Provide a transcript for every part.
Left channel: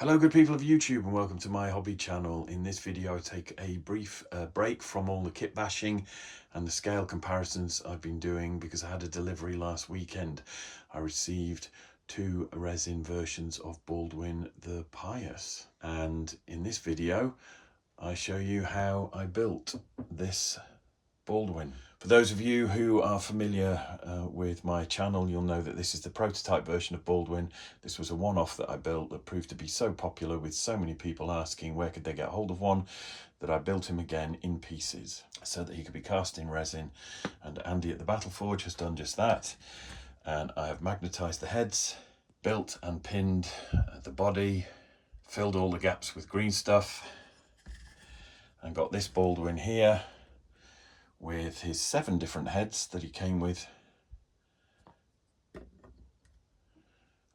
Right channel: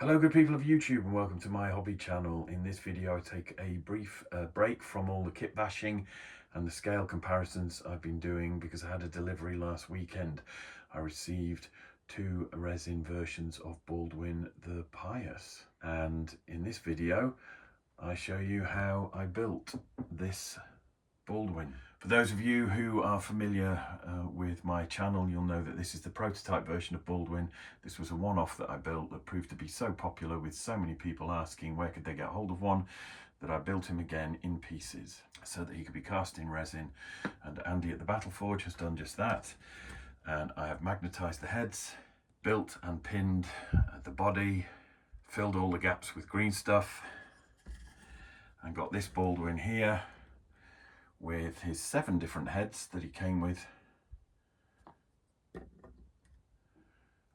Hello good people of YouTube and welcome to my hobby channel. In this video I take a brief break from all the kit bashing and the scale comparisons I've been doing because I had a delivery last weekend. I received two resin versions of Baldwin the Pious, and in this video I show you how I built this Baldwin. For those of you who are familiar with my channel, you'll know that this is the prototype version of Baldwin. This was a one-off that I built that proved to be so popular, with so many people asking where could they get hold of one, that I built him again in pieces so that he could be cast in resin. And Andy at the Battle Forge has done just that. And I have magnetized the heads, built and pinned the body, filled all the gaps with green stuff, and got this Baldwin here with his 7 different heads that he came with,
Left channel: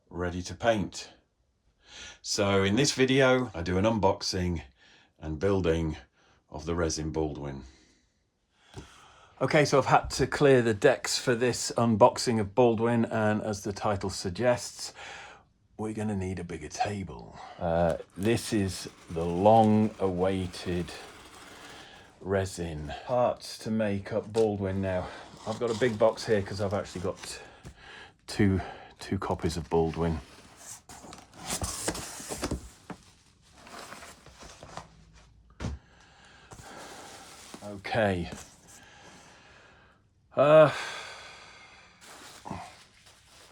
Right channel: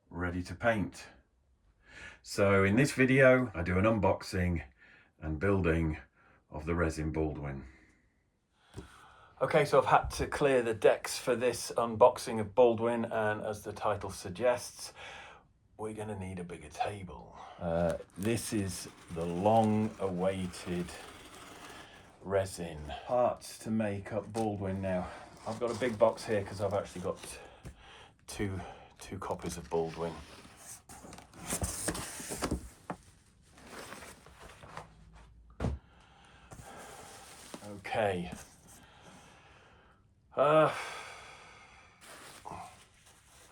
ready to paint. So in this video I do an unboxing and building of the resin Baldwin. Okay, so I've had to clear the decks for this unboxing of Baldwin, and as the title suggests, we're going to need a bigger table. This is the long-awaited resin parts to make up Baldwin. Now I've got a big box here because I've actually got two copies of Baldwin. Okay,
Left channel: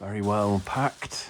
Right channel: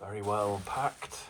very well packed.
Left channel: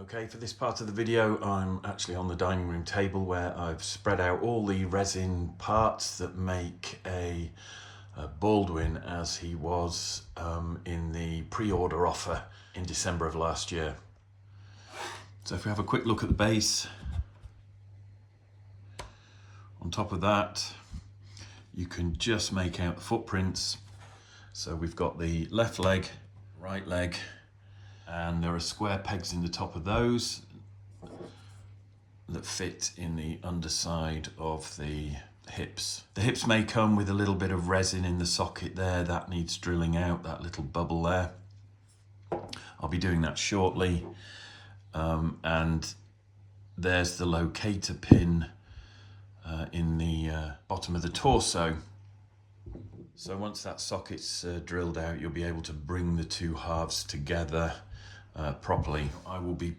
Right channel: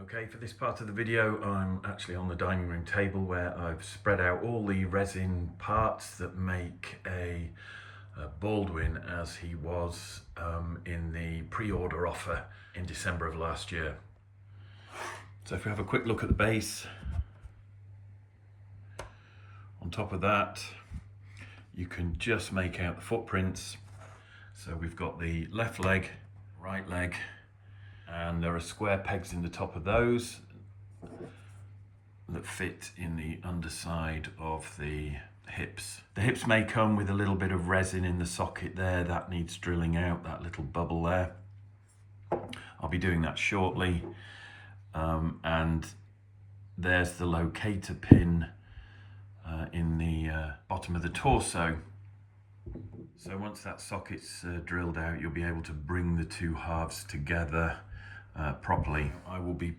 Okay, for this part of the video I'm actually on the dining room table where I've spread out all the resin parts that make a Baldwin as he was in the pre-order offer in December of last year. So if we have a quick look at the base, on top of that you can just make out the footprints. So we've got the left leg, right leg, and there are square pegs in the top of those that fit in the underside of the hips. The hips may come with a little bit of resin in the socket there that needs drilling out, that little bubble there. I'll be doing that shortly. And there's the locator pin in the bottom of the torso. So once that socket's drilled out, you'll be able to bring the two halves together properly. I will be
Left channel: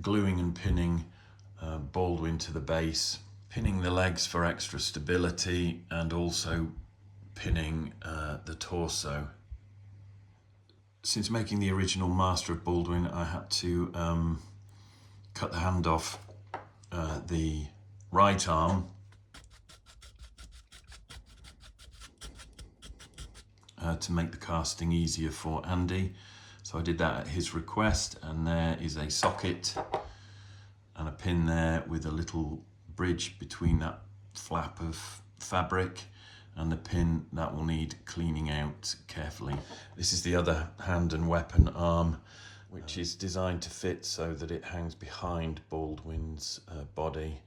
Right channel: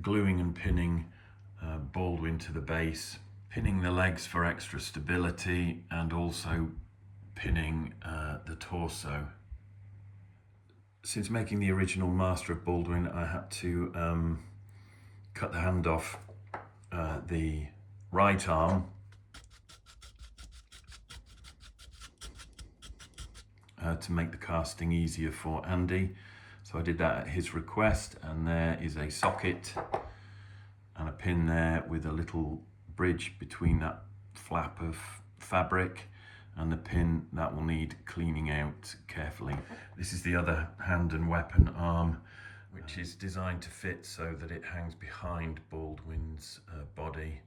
gluing and pinning Baldwin to the base, pinning the legs for extra stability, and also pinning the torso. Since making the original Master of Baldwin, I had to cut the hand off the right arm to make the casting easier for Andy. So I did that at his request, and there is a socket and a pin there with a little bridge between that flap of fabric and the pin that will need cleaning out carefully. This is the other hand and weapon arm, which is designed to fit so that it hangs behind Baldwin's body.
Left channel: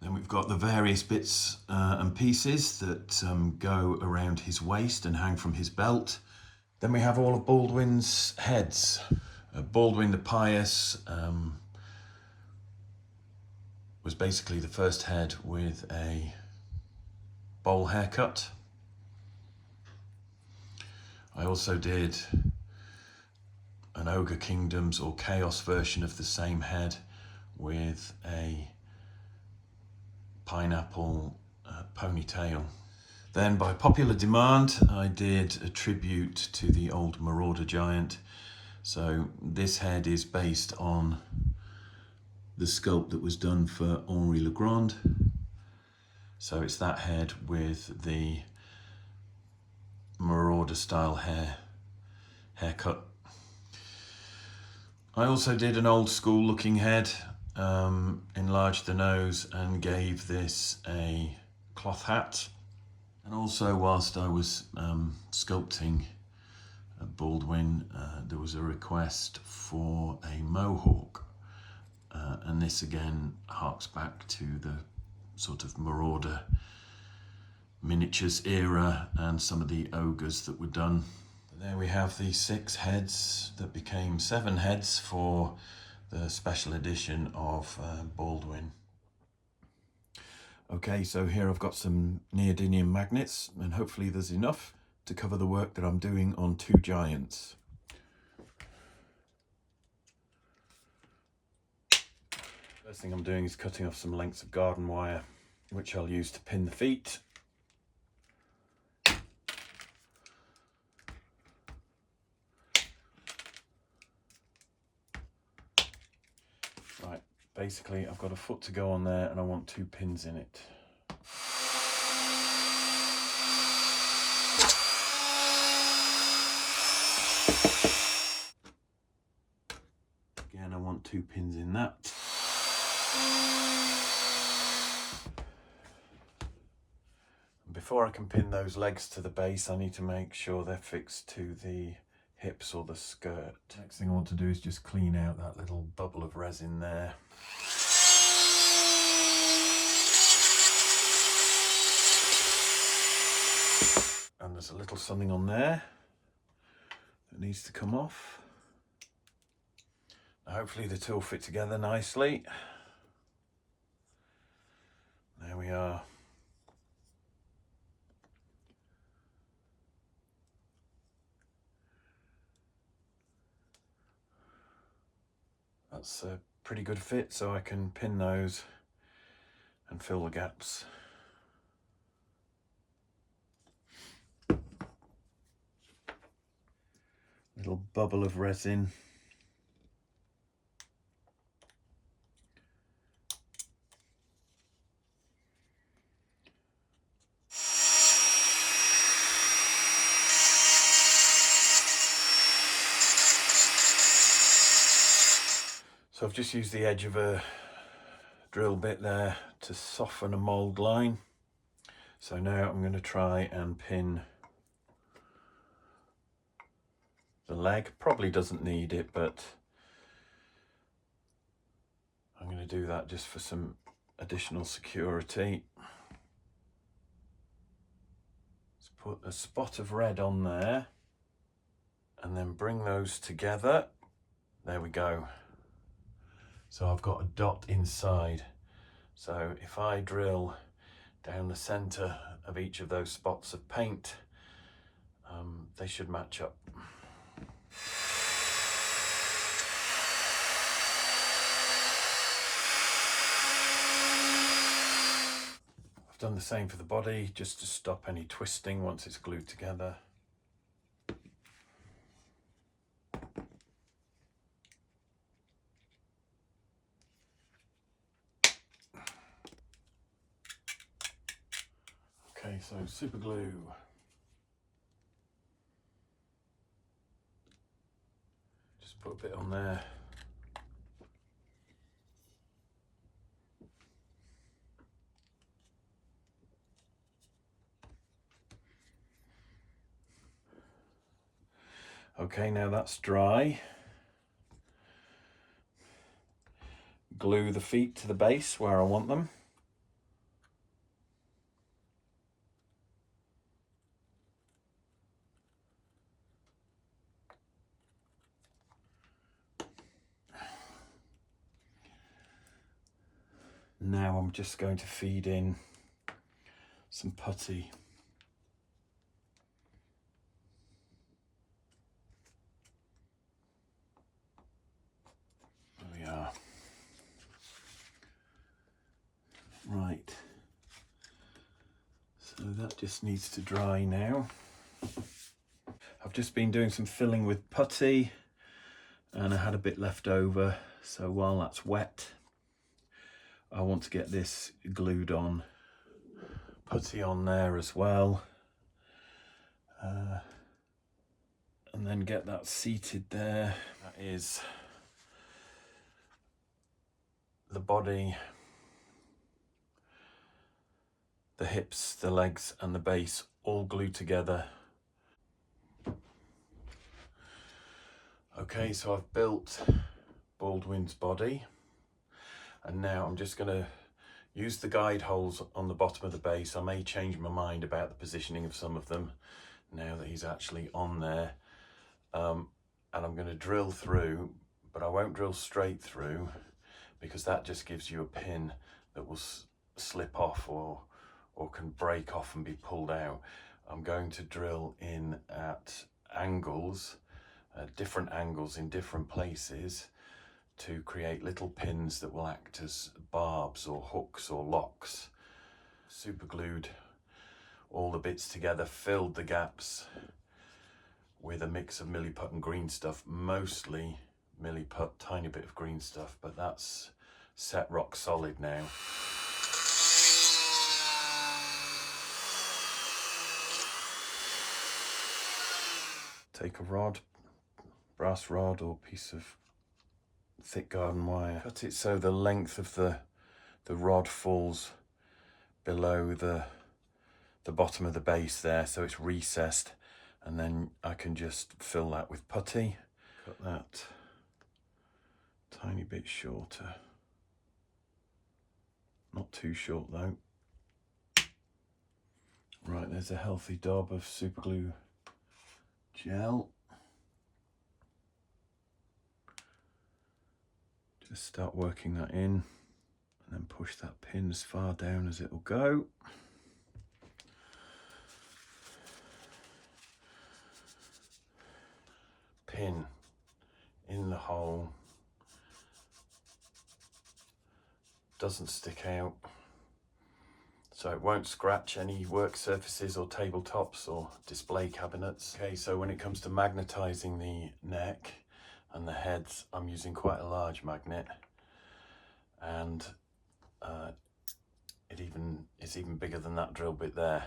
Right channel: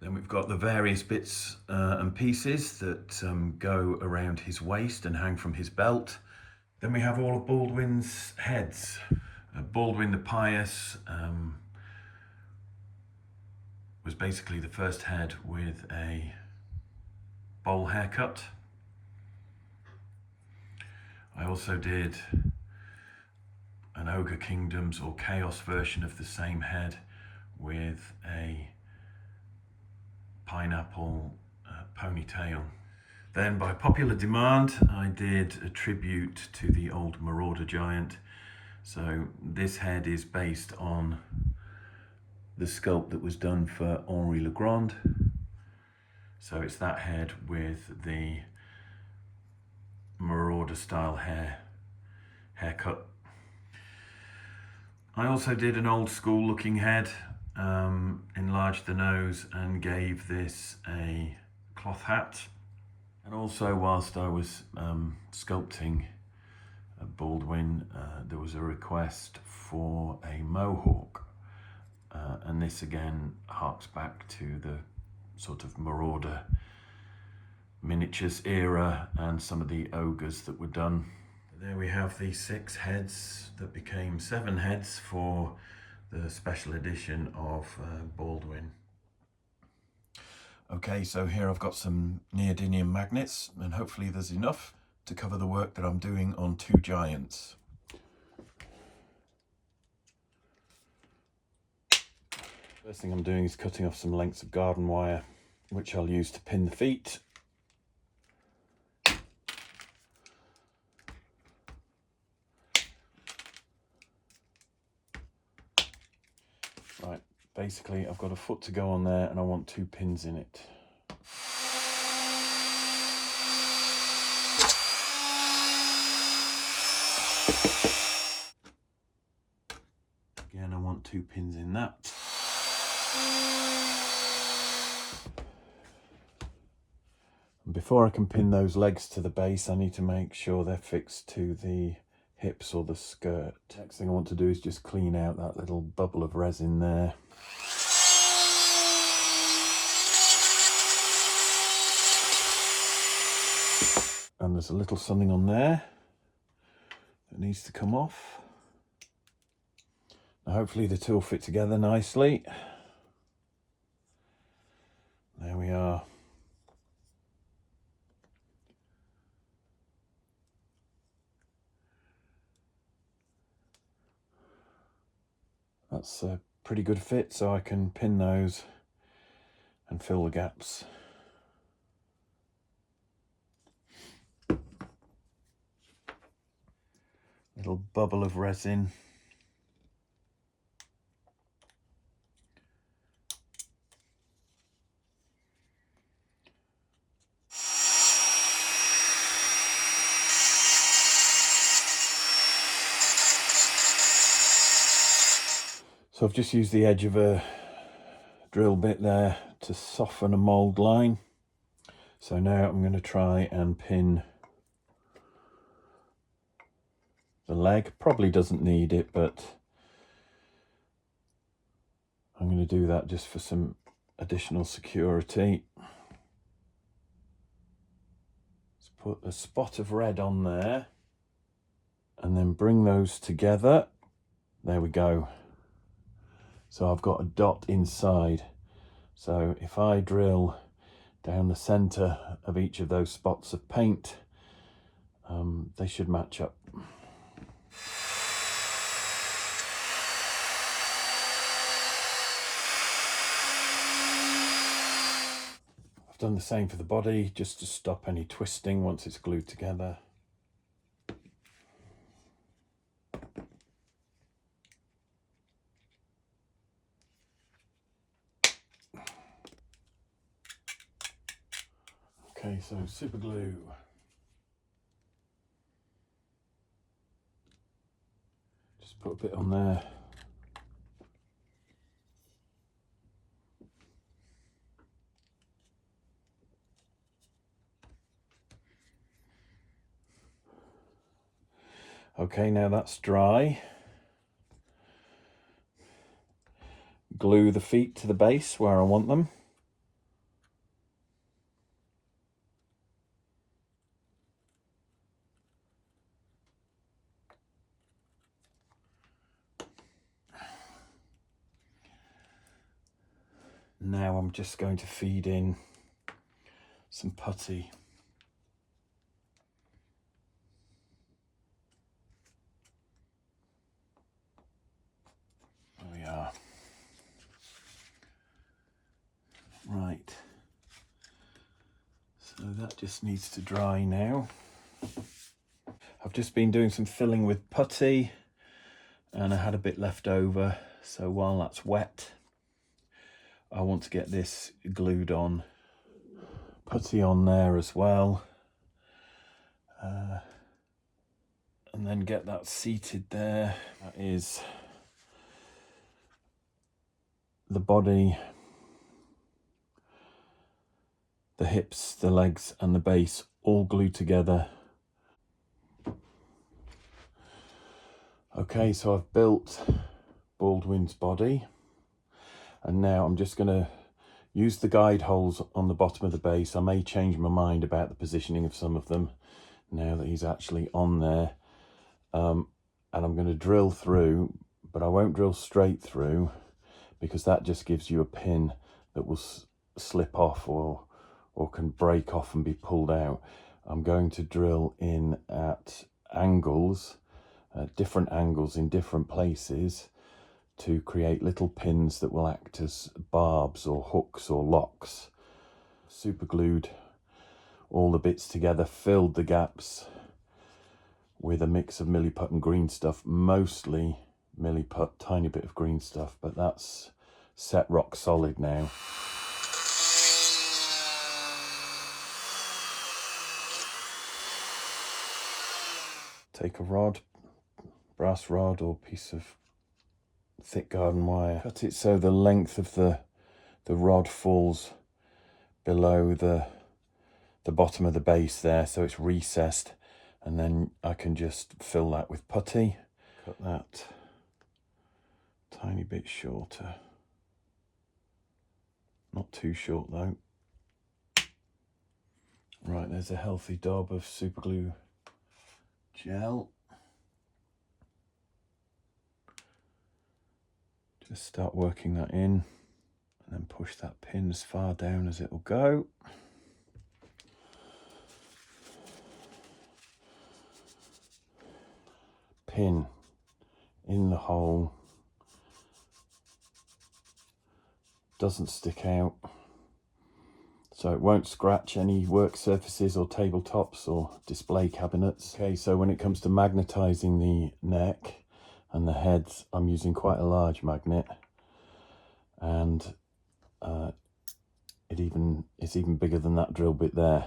Then we've got the various bits and pieces that go around his waist and hang from his belt. Then we have all of Baldwin's heads. Baldwin the Pious was basically the first head with a bowl haircut. I also did an Ogre Kingdoms or Chaos version of the same head with a pineapple ponytail. Then by popular demand I did a tribute to the old Marauder giant. So this head is based on the sculpt that was done for Henri Le Grand. So it's that head with the Marauder marauder style haircut. I also did an old school looking head, enlarged the nose and gave this a cloth hat. And also, whilst I was sculpting Baldwin, there was a request for a mohawk, and this again harks back to the sort of marauder miniatures era and some of the ogres that were done. And there we have the 6 heads that became 7 heads for the special edition of Baldwin. Okay, so here I've got some neodymium magnets, and hopefully there's enough to cover the work that I'm doing on 2 giants. First thing I'm doing is cutting off some lengths of garden wire, which I'll use to pin the feet. Right, basically I've got a foot to go on there and I want 2 pins in it. Again, I want 2 pins in that. And before I can pin those legs to the base, I need to make sure they're fixed to the hips or the skirt. Next thing I want to do is just clean out that little bubble of resin there. And there's a little something on there that needs to come off. Now hopefully the two will fit together nicely. There we are. That's a pretty good fit, so I can pin those and fill the gaps. Little bubble of resin. So I've just used the edge of a drill bit there to soften a mould line. So now I'm going to try and pin the leg. Probably doesn't need it, but I'm going to do that just for some additional security. Let's put a spot of red on there and then bring those together. There we go. So I've got a dot inside. So if I drill down the center of each of those spots of paint, they should match up. I've done the same for the body, just to stop any twisting once it's glued together. Okay, so super glue. Just put a bit on there. Okay, now that's dry. Glue the feet to the base where I want them. Now I'm just going to feed in some putty. There we are. Right. So that just needs to dry now. I've just been doing some filling with putty and I had a bit left over. So while that's wet, I want to get this glued on. Putty on there as well. and then get that seated there. That is the body, the hips, the legs and the base all glued together. Okay, so I've built Baldwin's body, and now I'm just going to use the guide holes on the bottom of the base. I may change my mind about the positioning of some of them now that he's actually on there. And I'm going to drill through, but I won't drill straight through because that just gives you a pin that will slip off or can break off and be pulled out. I'm going to drill in at angles, different angles in different places, to create little pins that will act as barbs or hooks or locks. Super glued all the bits together, filled the gaps with a mix of Miliput and green stuff, mostly Miliput, tiny bit of green stuff, but that's set rock solid now. Take a rod, brass rod or piece of thick garden wire, cut it so the length of the rod falls below the bottom of the base there, so it's recessed, and then I can just fill that with putty. Cut that tiny bit shorter, not too short though. Right, there's a healthy daub of super glue gel. Just start working that in, and then push that pin as far down as it will go. Pin in the hole, doesn't stick out, so it won't scratch any work surfaces or tabletops or display cabinets. Okay, so when it comes to magnetizing the neck and the heads, I'm using quite a large magnet, and it's even bigger than that drill bit there.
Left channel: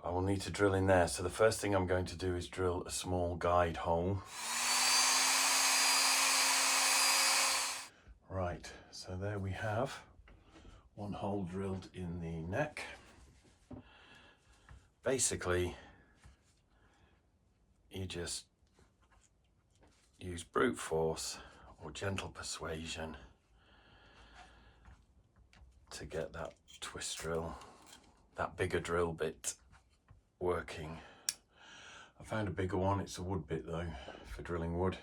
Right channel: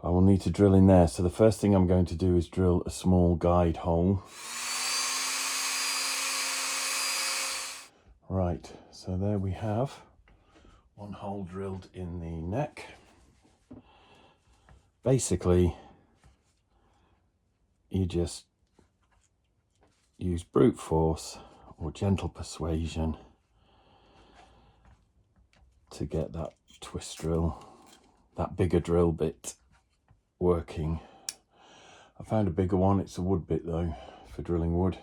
I will need to drill in there, so the first thing I'm going to do is drill a small guide hole. Right, so there we have one hole drilled in the neck. Basically, you just use brute force or gentle persuasion to get that twist drill, that bigger drill bit, working. I found a bigger one. It's a wood bit though, for drilling wood.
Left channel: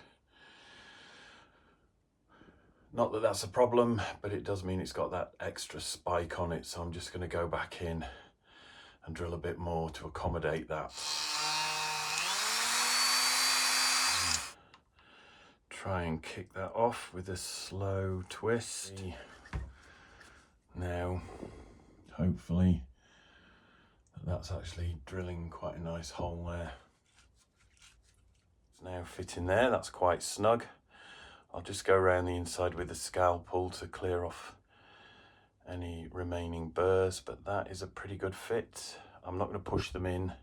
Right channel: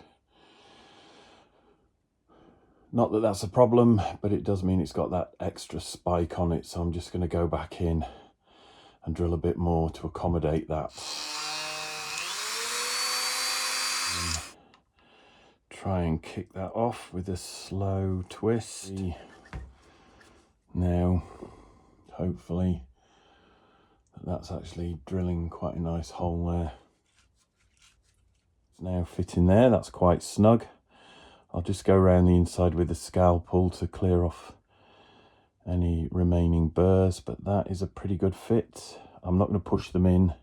Not that that's a problem, but it does mean it's got that extra spike on it, so I'm just going to go back in and drill a bit more to accommodate that. Try and kick that off with a slow twist. Now, hopefully, that's actually drilling quite a nice hole there. It's now fitting there, that's quite snug. I'll just go around the inside with a scalpel to clear off any remaining burrs, but that is a pretty good fit. I'm not going to push them in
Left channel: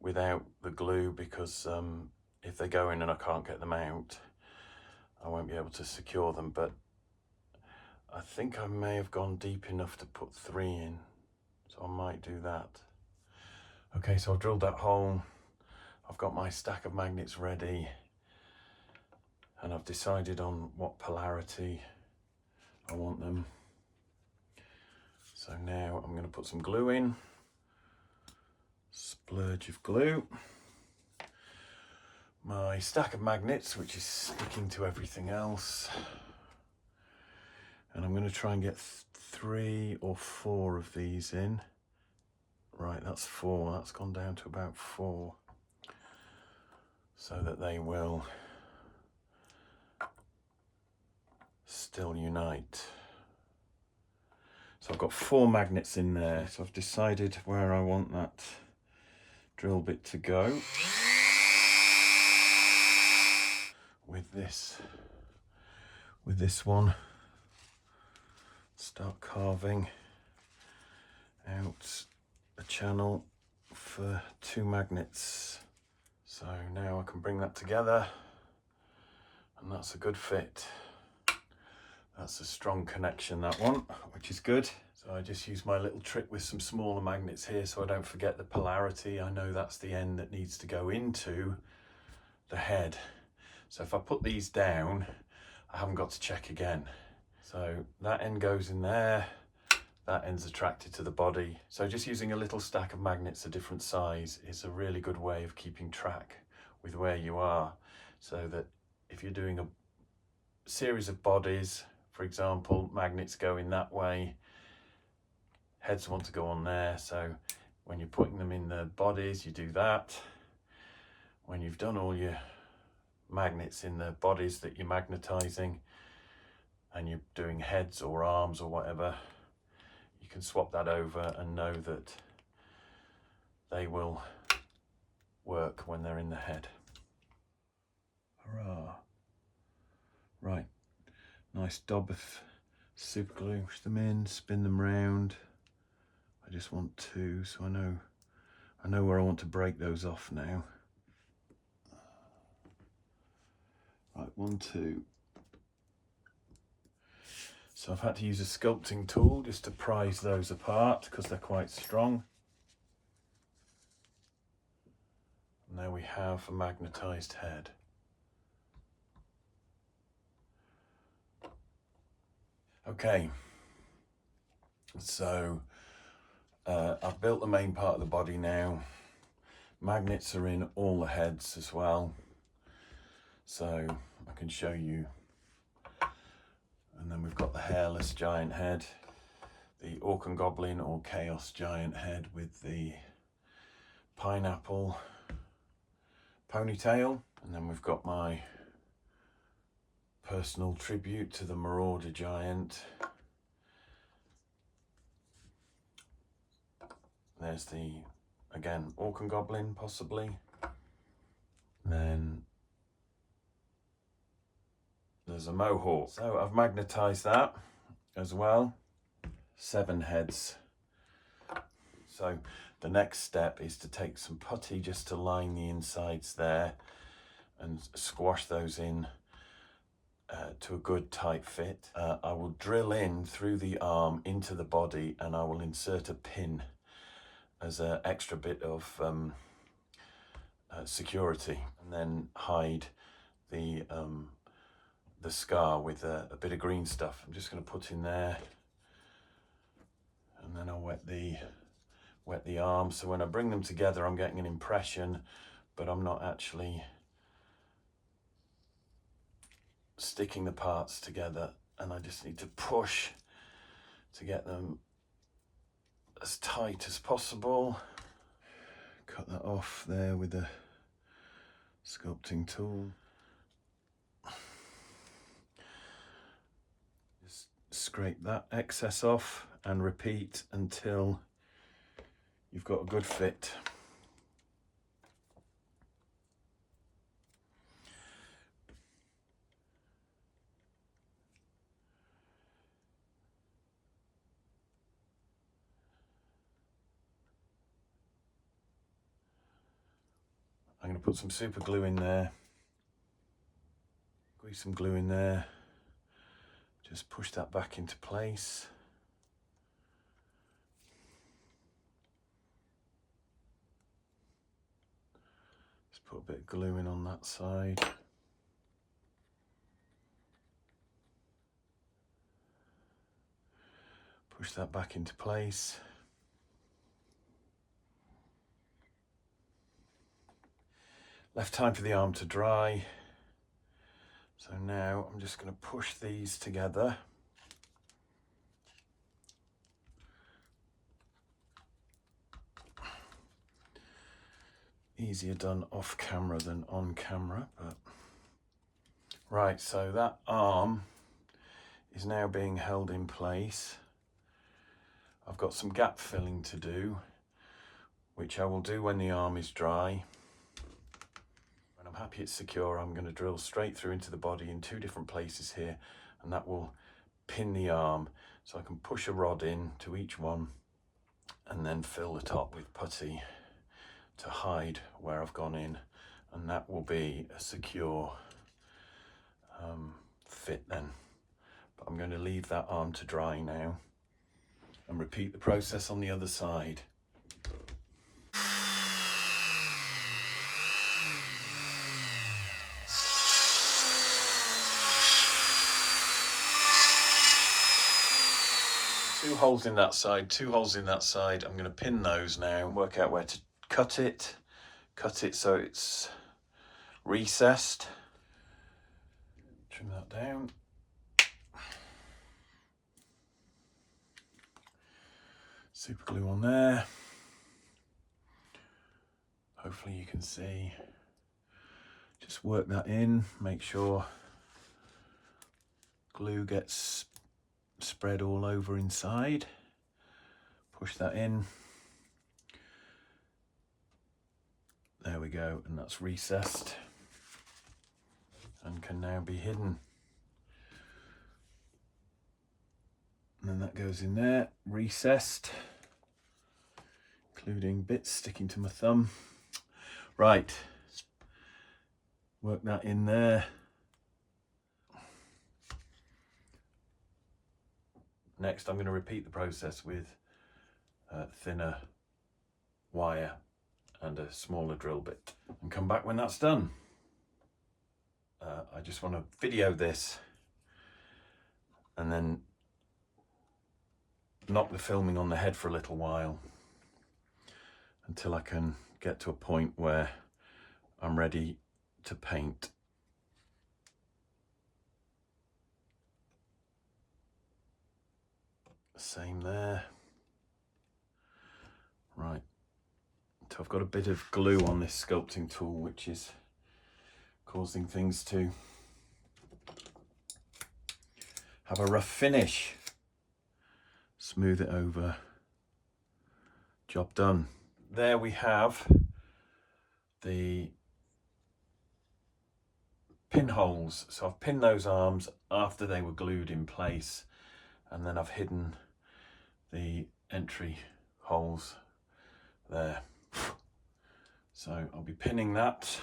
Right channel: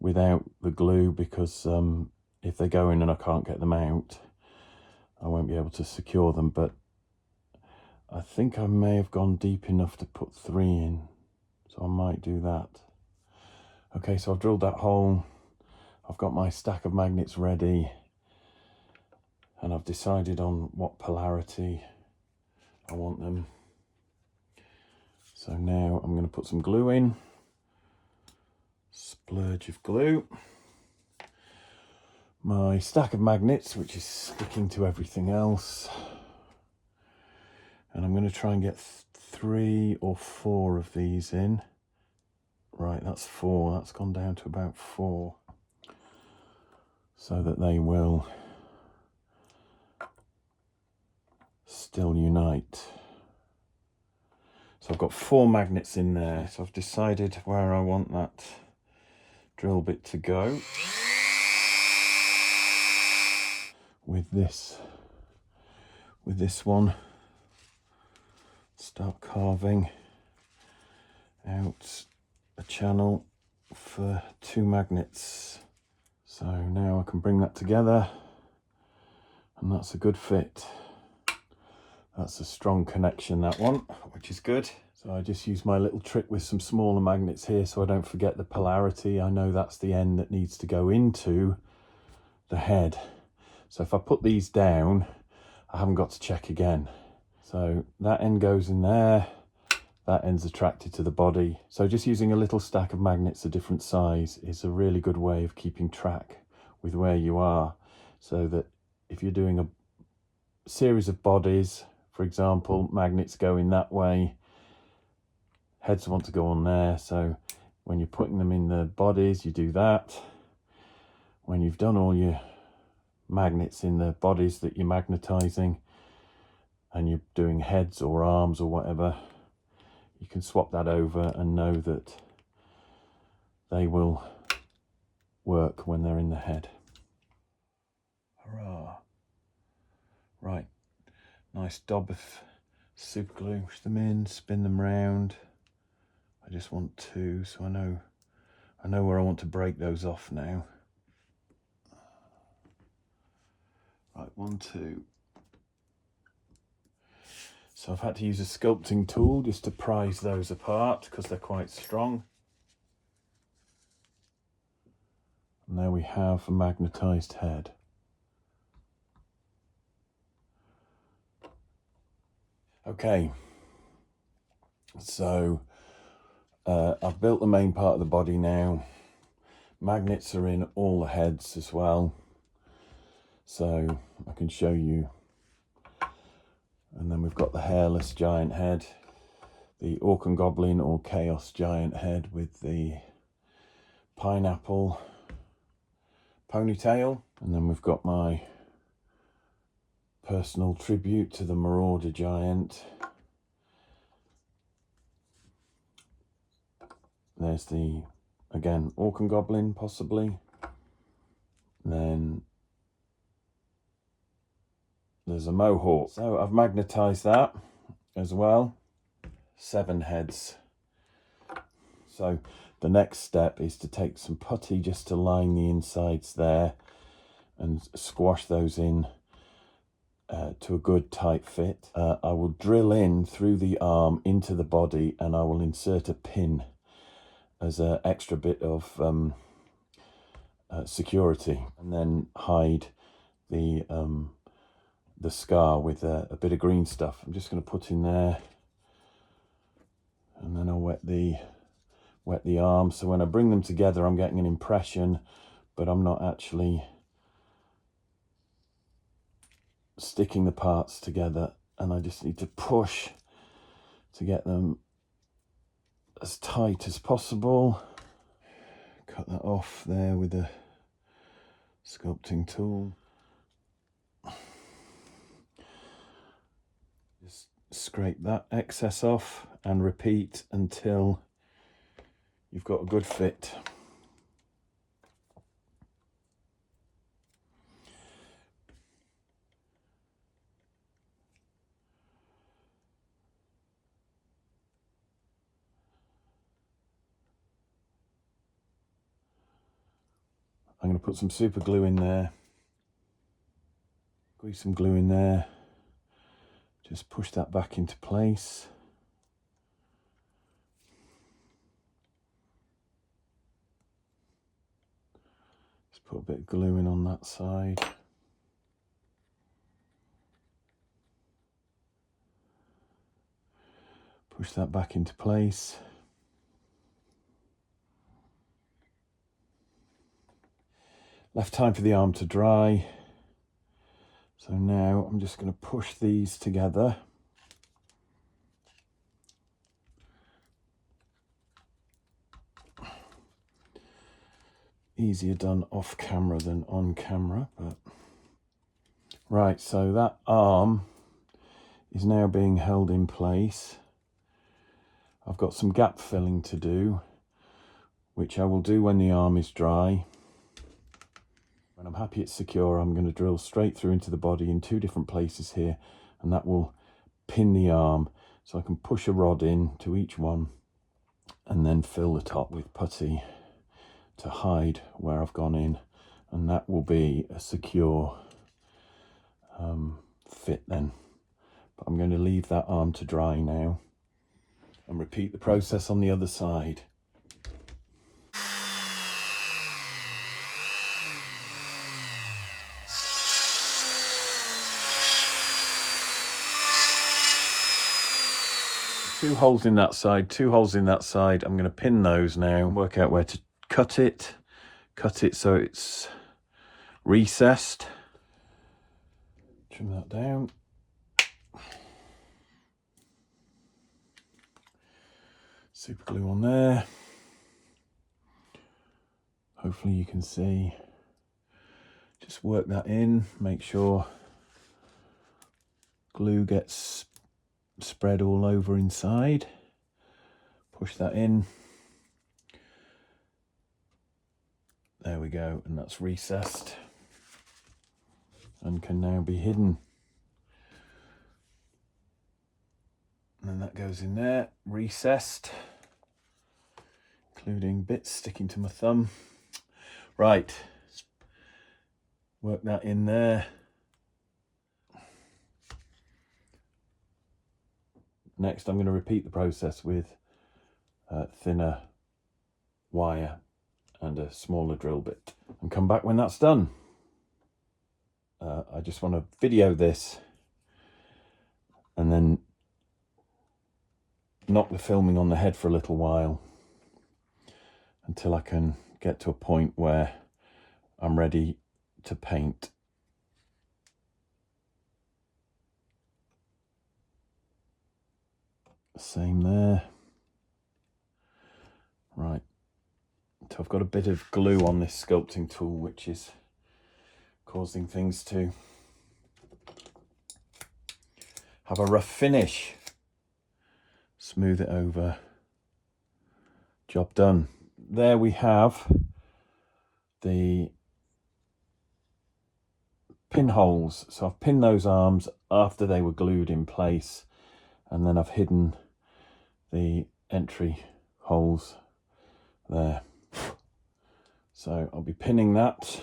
without the glue, because if they go in and I can't get them out, I won't be able to secure them, but I think I may have gone deep enough to put 3 in, so I might do that. Okay, so I've drilled that hole. I've got my stack of magnets ready, and I've decided on what polarity I want them. So now I'm going to put some glue in, splurge of glue, my stack of magnets, which is sticking to everything else, and I'm going to try and get 3 or 4 of these in. Right, that's 4, that's gone down to about 4, so that they will still unite. So I've got 4 magnets in there, so I've decided where I want that drill bit to go. With this one, start carving out a channel for 2 magnets So now I can bring that together, and that's a good fit. That's a strong connection, that one, which is good. So I just use my little trick with some smaller magnets here so I don't forget the polarity. I know that's the end that needs to go into the head. So if I put these down, I haven't got to check again. So that end goes in there, that end's attracted to the body. So just using a little stack of magnets a different size is a really good way of keeping track with where you are, so that if you're doing a series of bodies, for example, magnets go in that way, heads want to go on there. So when you're putting them in the bodies, you do that. When you've done all your magnets in the bodies that you're magnetizing and you're doing heads or arms or whatever, you can swap that over and know that they will work when they're in the head. Hurrah. Right, nice dob of super glue, push them in, spin them round. I just want to, so I know where I want to break those off now. Right, 1, 2. So I've had to use a sculpting tool just to prise those apart because they're quite strong. And there we have a magnetized head. Okay, so I've built the main part of the body now. Magnets are in all the heads as well, so I can show you. And then we've got the hairless giant head, the Orc and Goblin or Chaos giant head with the pineapple ponytail. And then we've got my personal tribute to the Marauder giant. There's the, again, Orc and Goblin possibly. Then there's a Mohawk. So I've magnetized that as well. 7 heads. So the next step is to take some putty just to line the insides there and squash those in to a good tight fit. I will drill in through the arm into the body, and I will insert a pin as an extra bit of security, and then hide the scar with a bit of green stuff. I'm just going to put in there, and then I'll wet the arm, so when I bring them together I'm getting an impression, but I'm not actually sticking the parts together, and I just need to push to get them as tight as possible. Cut that off there with a sculpting tool. Just scrape that excess off and repeat until you've got a good fit. I'm going to put some super glue in there, squeeze some glue in there, just push that back into place. Just put a bit of glue in on that side. Push that back into place. Left time for the arm to dry. So now I'm just going to push these together. Easier done off camera than on camera, but right, so that arm is now being held in place. I've got some gap filling to do, which I will do when the arm is dry. When I'm happy it's secure, I'm going to drill straight through into the body in 2 different places here, and that will pin the arm, so I can push a rod in to each one and then fill the top with putty to hide where I've gone in and that will be a secure fit then. But I'm going to leave that arm to dry now and repeat the process on the other side. Two holes in that side, two holes in that side. I'm going to pin those now, work out where to cut it so it's recessed. Trim that down. Super glue on there. Hopefully you can see. Just work that in, make sure glue gets spread all over inside. Push that in. There we go, and that's recessed and can now be hidden. And then that goes in there, recessed, including bits sticking to my thumb. Right, work that in there. Next, I'm going to repeat the process with thinner wire and a smaller drill bit, and come back when that's done. I just want to video this and then knock the filming on the head for a little while until I can get to a point where I'm ready to paint. Same there. Right, so I've got a bit of glue on this sculpting tool which is causing things to have a rough finish. Smooth it over. Job done. There we have the pinholes. So I've pinned those arms after they were glued in place, and then I've hidden the entry holes there. So I'll be pinning that.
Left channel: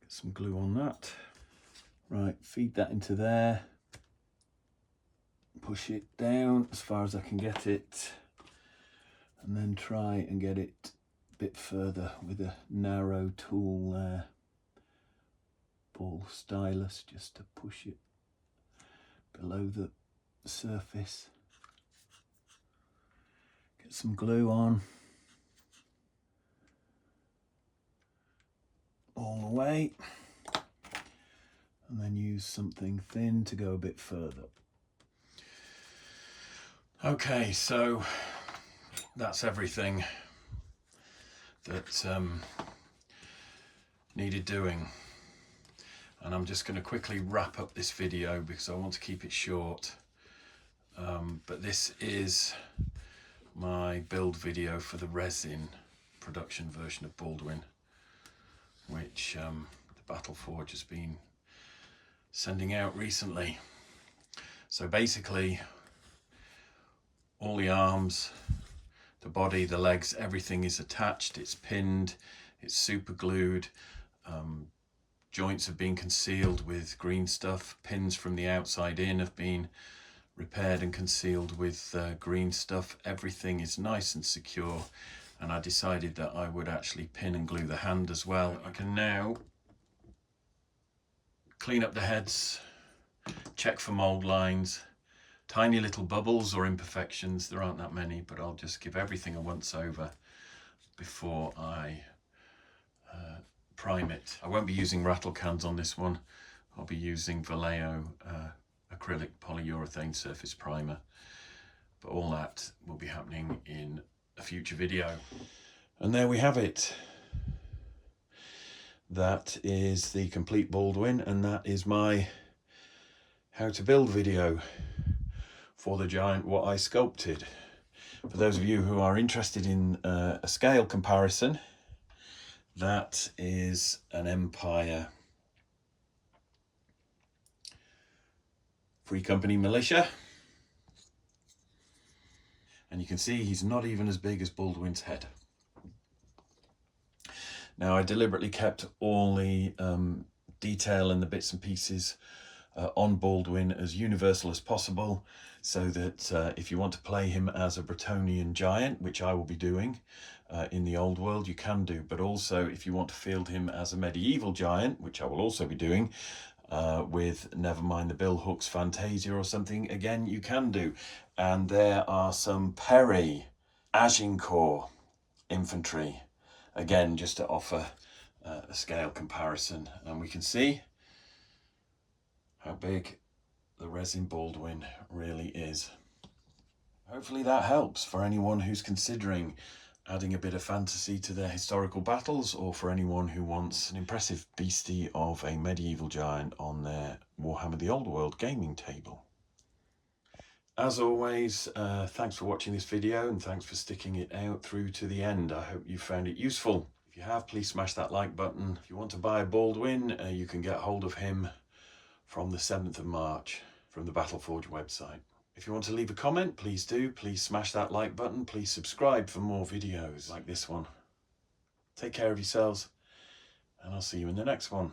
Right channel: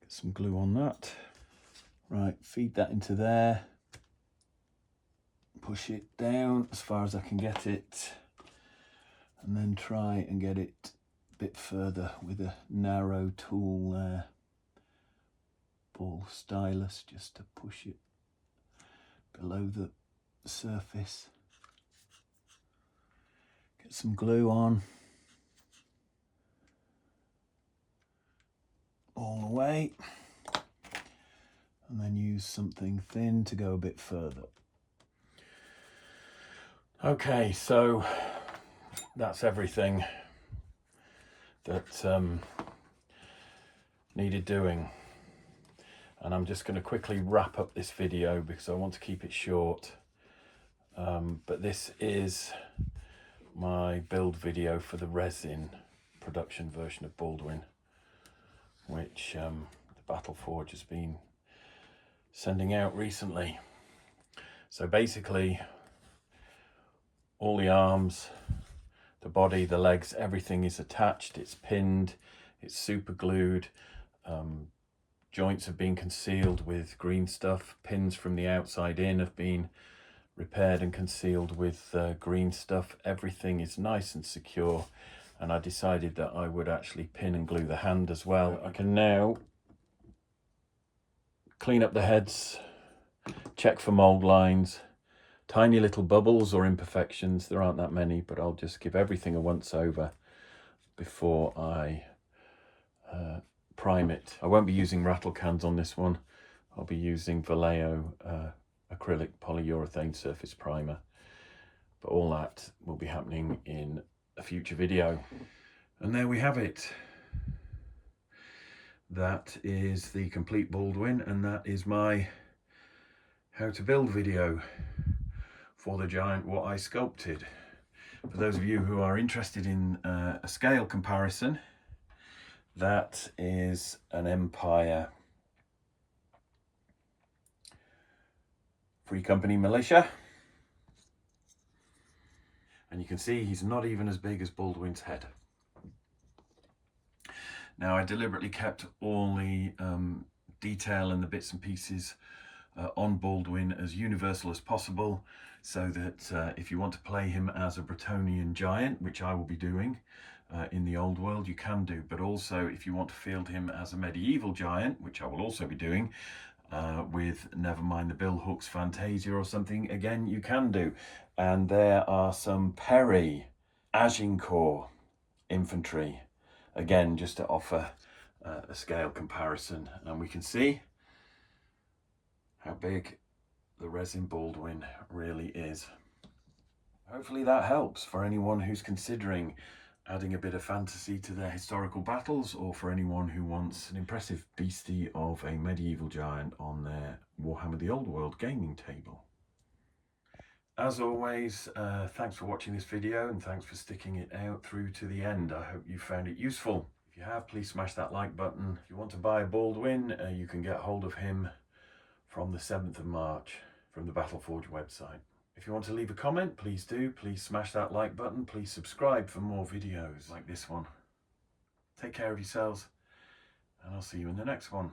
Get some glue on that. Right, feed that into there. Push it down as far as I can get it, and then try and get it a bit further with a narrow tool there. Ball stylus, just to push it below the surface. Get some glue on all the way, and then use something thin to go a bit further. Okay, so that's everything that needed doing. And I'm just going to quickly wrap up this video because I want to keep it short. But this is my build video for the resin production version of Baldwin, which the Battleforge has been sending out recently. So basically, all the arms, the body, the legs, everything is attached, it's pinned, it's super glued. Joints have been concealed with green stuff. Pins from the outside in have been repaired and concealed with green stuff. Everything is nice and secure, and I decided that I would actually pin and glue the hand as well. I can now clean up the heads, check for mold lines, tiny little bubbles or imperfections. There aren't that many, but I'll just give everything a once over before I prime it. I won't be using rattle cans on this one. I'll be using Vallejo acrylic polyurethane surface primer, but all that will be happening in a future video. And there we have it. That is the complete Baldwin, and that is my how to build video for the giant what I sculpted. For those of you who are interested in a scale comparison, that is an Empire Free Company militia. And you can see he's not even as big as Baldwin's head. Now, I deliberately kept all the detail and the bits and pieces on Baldwin as universal as possible, so that if you want to play him as a Bretonnian giant, which I will be doing in the old world, you can do. But also, if you want to field him as a medieval giant, which I will also be doing, with never mind the bill hooks Fantasia or something, again, you can do. And there are some Perry Agincourt infantry, again, just to offer a scale comparison. And we can see how big the resin Baldwin really is. Hopefully that helps for anyone who's considering adding a bit of fantasy to their historical battles, or for anyone who wants an impressive beastie of a medieval giant on their Warhammer the Old World gaming table. As always, thanks for watching this video, and thanks for sticking it out through to the end. I hope you found it useful. If you have, please smash that like button. If you want to buy Baldwin, you can get hold of him from the 7th of March from the Battleforge website. If you want to leave a comment, please do. Please smash that like button. Please subscribe for more videos like this one. Take care of yourselves, and I'll see you in the next one.